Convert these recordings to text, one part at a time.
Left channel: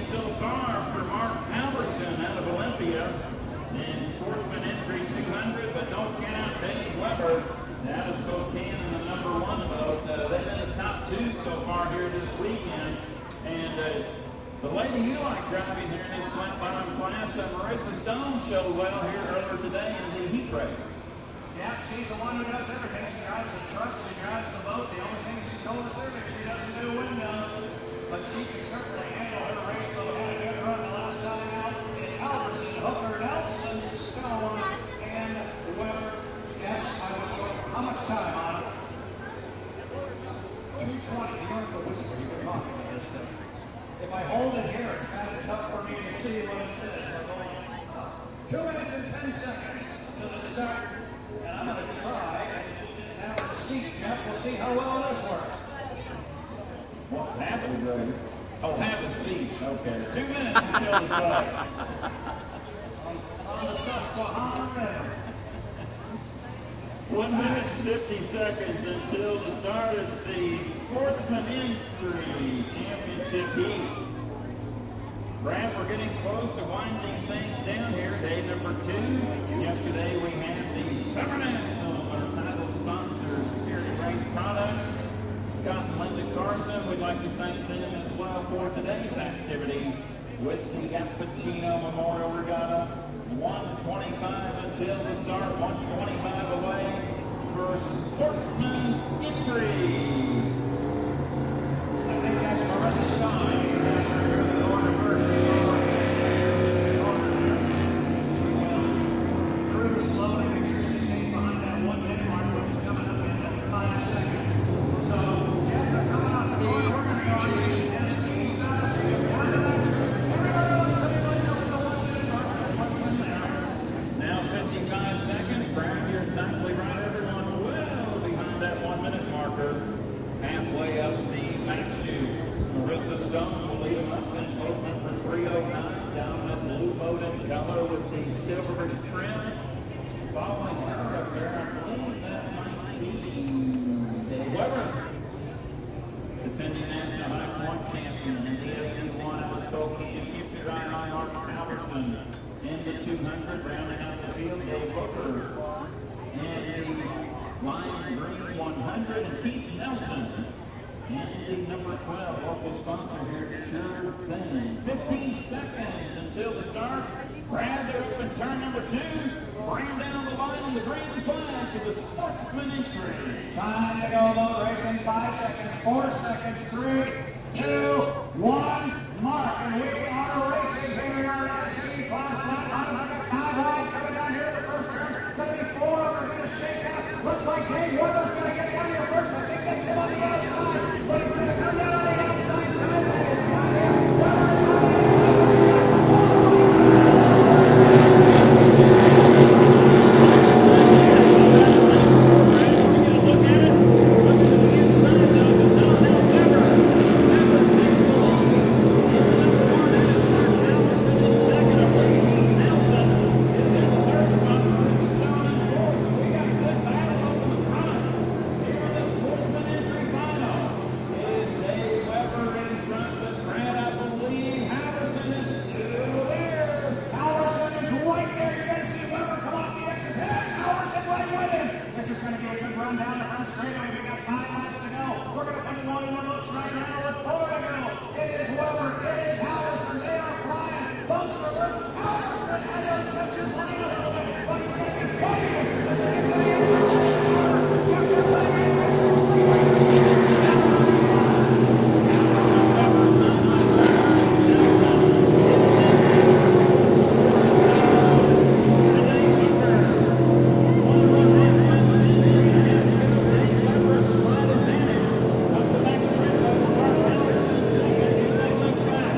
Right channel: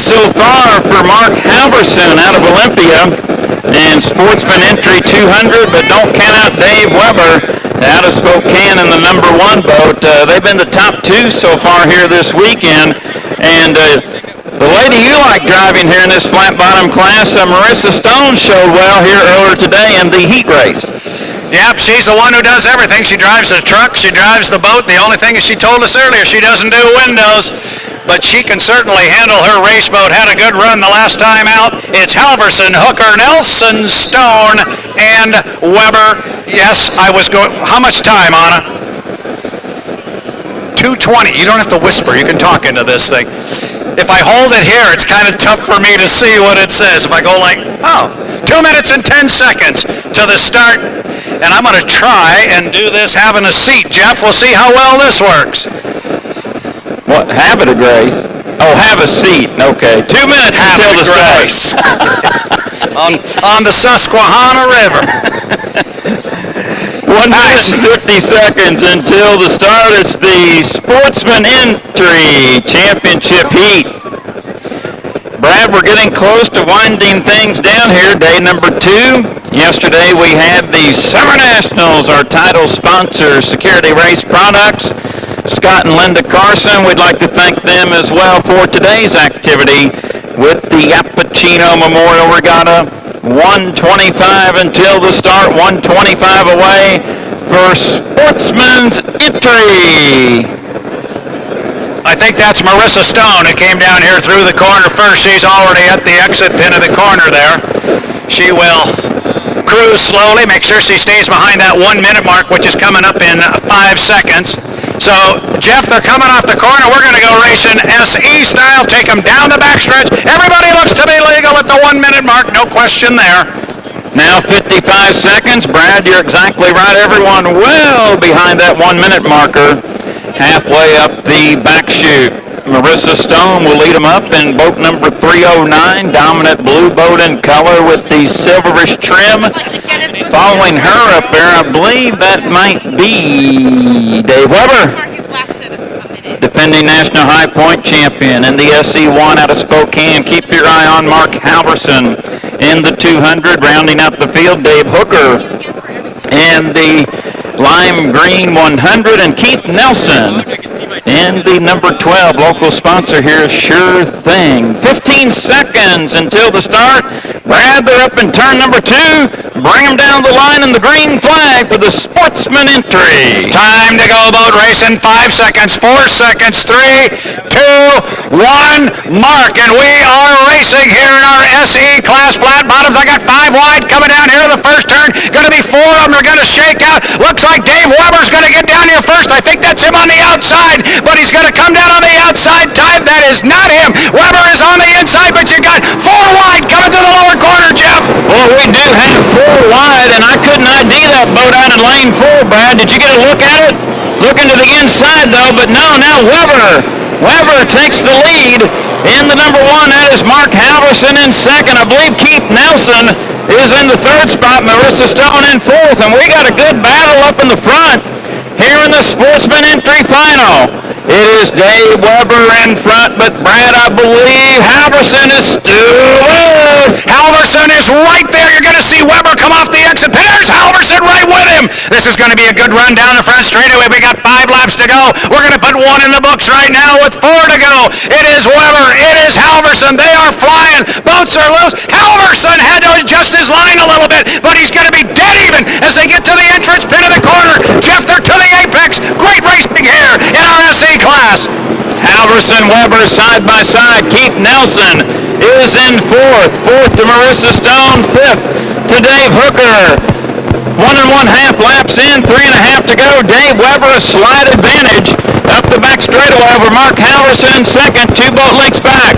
so far for Mark Halverson out of Olympia in Sportsman Entry 200, but don't count out Dave Weber out of Spokane in the number 1 boat. They've been the top 2 so far here this weekend. And the lady you like driving here in this flat bottom class, Marissa Stone, showed well here earlier today in the heat race. Yep, she's the one who does everything. She drives the truck, she drives the boat. The only thing is, she told us earlier, she doesn't do windows. But she can certainly handle her race boat. Had a good run the last time out. It's Halverson, Hooker, Nelson, Stone, and Weber. Yes, I was going. How much time, Anna? 2:20. You don't have to whisper. You can talk into this thing. If I hold it here, it's kind of tough for me to see what it says. If I go like, 2 minutes and 10 seconds to the start. And I'm going to try and do this having a seat. Jeff, we'll see how well this works. What, have it a grace? Oh, have a seat. Okay. 2 minutes until the start. on the Susquehanna River. 1 minute and 50 seconds until the start. It's the Sportsman Entry Championship Heat. Brad, we're getting close to winding things down here. Day number 2. Yesterday we had the Summer Nationals, our title sponsor, Security Race Products. Scott and Linda Carson, we'd like to thank them as well for today's activity with the Yapachino Memorial Regatta. 1:25 until the start, 1:25 away for Sportsman's Entry. I think that's Marissa Stone, who came down here through the corner first. She's already at the exit pin of the corner there. She will cruise slowly, make sure she stays behind that 1 minute mark, which is coming up in 5 seconds. So, Jeff, they're coming off the corner. We're going to go racing SE style, take them down the backstretch. Everybody looks to be legal at the 1 minute mark, no question there. Now 55 seconds. Brad, you're exactly right. Everyone well behind that 1 minute marker, halfway up the back chute. Marissa Stone will lead them up in boat number 309, dominant blue boat in color with the silverish trim. Following her up there, I believe that might be Dave Weber, defending National High Point champion in the SC1 out of Spokane. Keep your eye on Mark Halverson in the 200, rounding out the field, Dave Hooker in the lime green 100, and Keith Nelson in the number 12. Local sponsor here, Sure Thing. 15 seconds until the start. Brad, they're up in turn number 2. Bring them down the line in the green flag for the Sportsman Entry. Time to go, boat racing. 5 seconds, 4 seconds, 3, 2, 1, mark. And we are racing here in our SE class flat bottoms. I got 5 wide coming down here to the first turn. Going to be 4 of them are going to shake out. Looks like Dave Weber's going to get down here first. I think that's him on the outside, but he's going to come down on the outside time. That is not him. Weber is on the inside, but you got 4 wide coming to the lower corner, Jeff. Well, we do have 4 wide, and I couldn't ID that boat out in lane 4, Brad. Did you get a look at it? Looking to the inside, though, but no, now Weber takes the lead in the number 1. That is Mark Halverson in second. I believe Keith Nelson is in the 3rd spot, Marissa Stone in 4th, and we got a good battle up in the front here in the Sportsman Entry Final. It is Dave Weber in front, but Brad, I believe Halverson is still in. Halverson is right there. You're going to see Weber come off the exit. There's Halverson right with him. This is going to be a good run down the front straightaway. We got 5 laps to go. We're going to put 1 in the books right now with 4 to go. It is Weber. It is Halverson. They are flying. Boats are loose. Halverson had to adjust his line a little bit, but he's going to be dead even as they get to the entrance pin of the corner. Jeff, they're to the apex. Great racing here in our SE class. Halverson, Weber side by side. Keith Nelson is in 4th. 4th to Marissa Stone. 5th to Dave Hooker. 1 1/2 laps in. 3.5 to go. Dave Weber a slight advantage up the back straightaway over Mark Halverson. Second, 2 boat lengths back.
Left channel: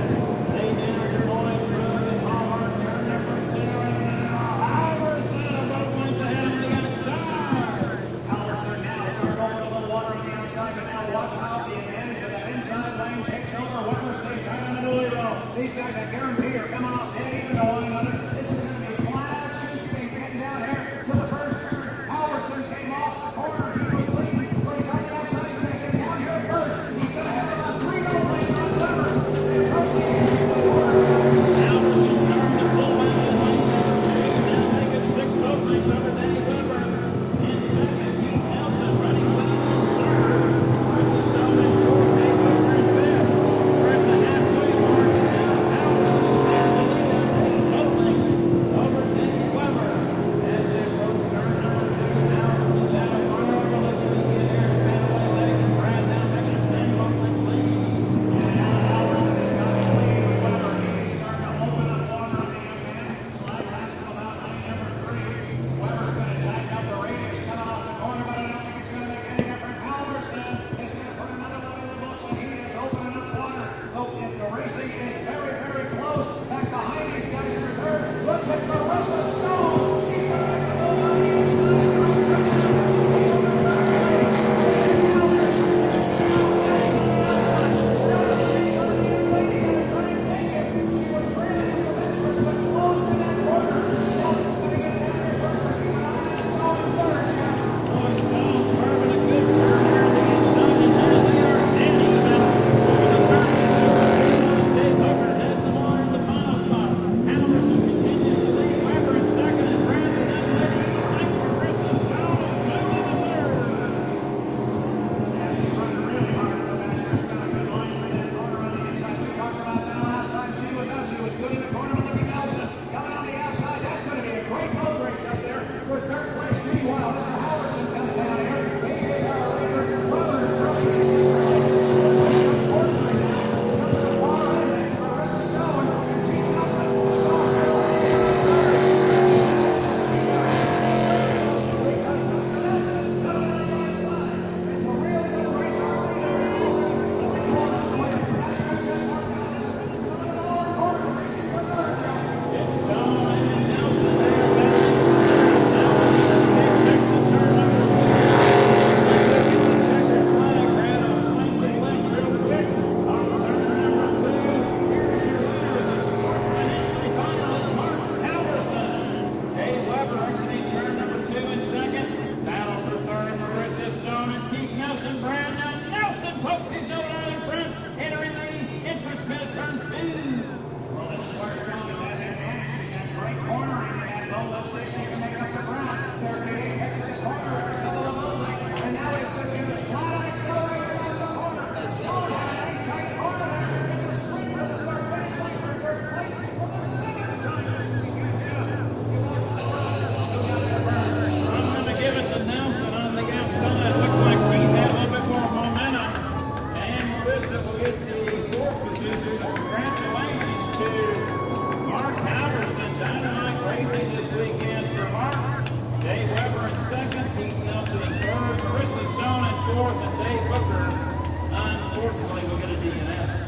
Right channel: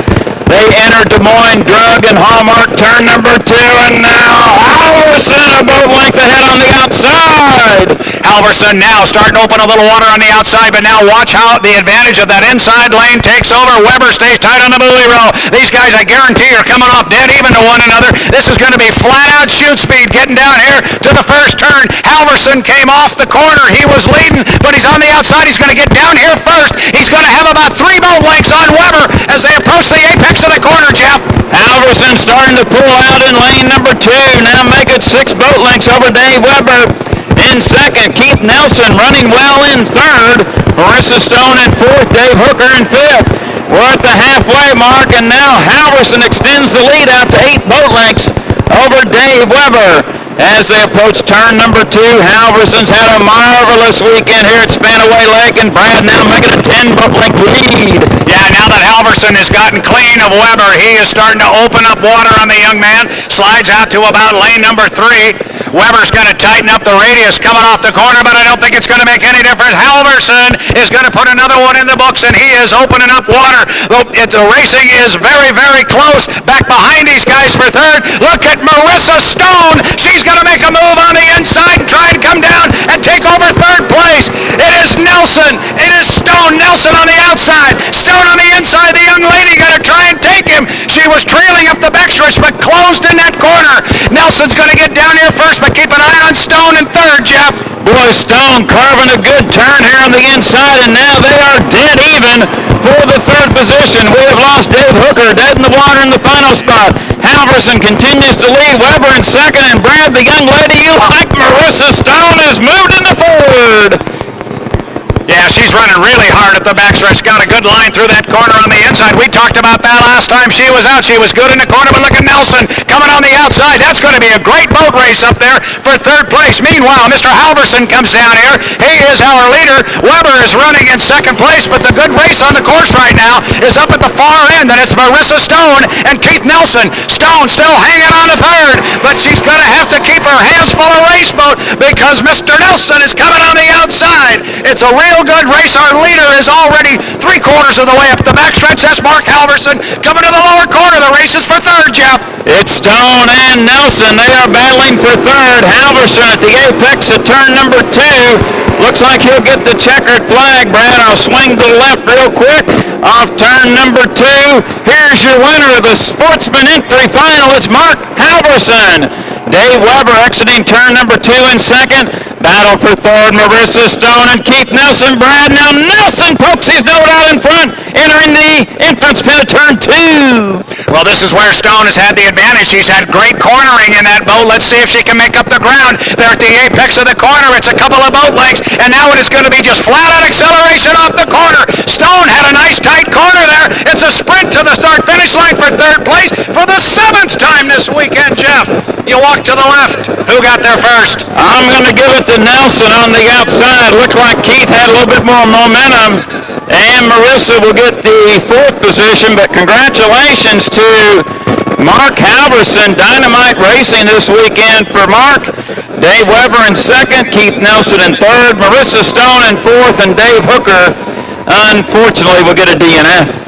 They enter Des Moines, Drug, and Hallmark turn number 2, and now Halverson a boat length ahead on the outside. Halverson now starting to open a little water on the outside, but now watch how the advantage of that inside lane takes over. Weber stays tight on the buoy row. These guys, I guarantee, are coming off dead even to one another. This is going to be flat-out shoot speed getting down here to the first turn. Halverson came off the corner. He was leading, but he's on the outside. He's going to get down here first. He's going to have about 3 boat lengths on Weber as they approach the apex of the corner. Halverson starting to pull out in lane number 2. Now make it 6 boat lengths over Dave Weber in second. Keith Nelson running well in third. Marissa Stone in fourth. Dave Hooker in fifth. We're at the halfway mark, and now Halverson extends the lead out to 8 boat lengths over Dave Weber. As they approach turn number 2, Halverson's had a marvelous weekend here at Spanaway Lake, and Brad now making a 10 boat length lead. Yeah, now that Halverson has gotten clean of Weber, he is starting to open up water on the young man. Slides out to about lane number 3. Weber's going to tighten up the radius coming off the corner, but I don't think it's going to make any difference. Halverson is going to put another one in the books, and he is opening up water. The racing is very, very close. Back behind these guys for third. Look at Marissa Stone. She's going to make a move on the inside and try and come down and take over third place. It is Nelson. It is Stone. Nelson on the outside. Stone on the inside. The young lady going to try and take him. She was trailing up the backstretch, but closed in that corner. Nelson's going to get down here first, but keep an eye on Stone in third, Jeff. Boy, Stone carving a good turn here on the inside, and now they are dead even for the third position. We have lost Dave Hooker dead in the water in the final spot. Halverson continues to lead. Weber in second, and Brad, the young lady you like, Marissa Stone, has moved into third. Yeah, she's running really hard at the backstretch. Got a good line through that corner on the inside. We talked about that last time she was out. She was good in the corner, but look at Nelson coming on the outside. That's going to be a great boat race up there for third place. Meanwhile, Mr. Halverson comes down here. He is our leader. Weber is running in second place, but the good race on the course right now is up at the far end, and it's Marissa Stone and Keith Nelson. Stone still hanging on to third, but she's going to have to keep her hands full of race boat because Mr. Nelson is coming on the outside. It's a real good race. Our leader is already 3/4 of the way up the backstretch. That's Mark Halverson coming to the lower corner. The race is for third, Jeff. It's Stone and Nelson. They are battling for third. Halverson at the apex of turn number 2. Looks like he'll get the checkered flag, Brad. I'll swing to the left real quick off turn number 2. Here's your winner of the Sportsman Entry Final. It's Mark Halverson. Dave Weber exiting turn number 2 in second. Battle for third, Marissa Stone and Keith Nelson. Brad, now Nelson pokes his note out in front, entering the entrance pin of turn 2. Well, this is where Stone has had the advantage. He's had great cornering in that boat. Let's see if she can make up the ground. They're at the apex of the corner. It's a couple of boat lengths, and now it is going to be just flat-out acceleration off the corner. Stone had a nice tight corner there. It's a sprint to the start-finish line for third place for the 7th time this weekend, Jeff. You walk to the left. Who got there first? I'm going to give it to Nelson on the outside. Looked like Keith had a little bit more momentum, and Marissa will get the 4th position, but congratulations to Mark Halverson. Dynamite racing this weekend for Mark. Dave Weber in second, Keith Nelson in third, Marissa Stone in fourth, and Dave Hooker, unfortunately, will get a DNF.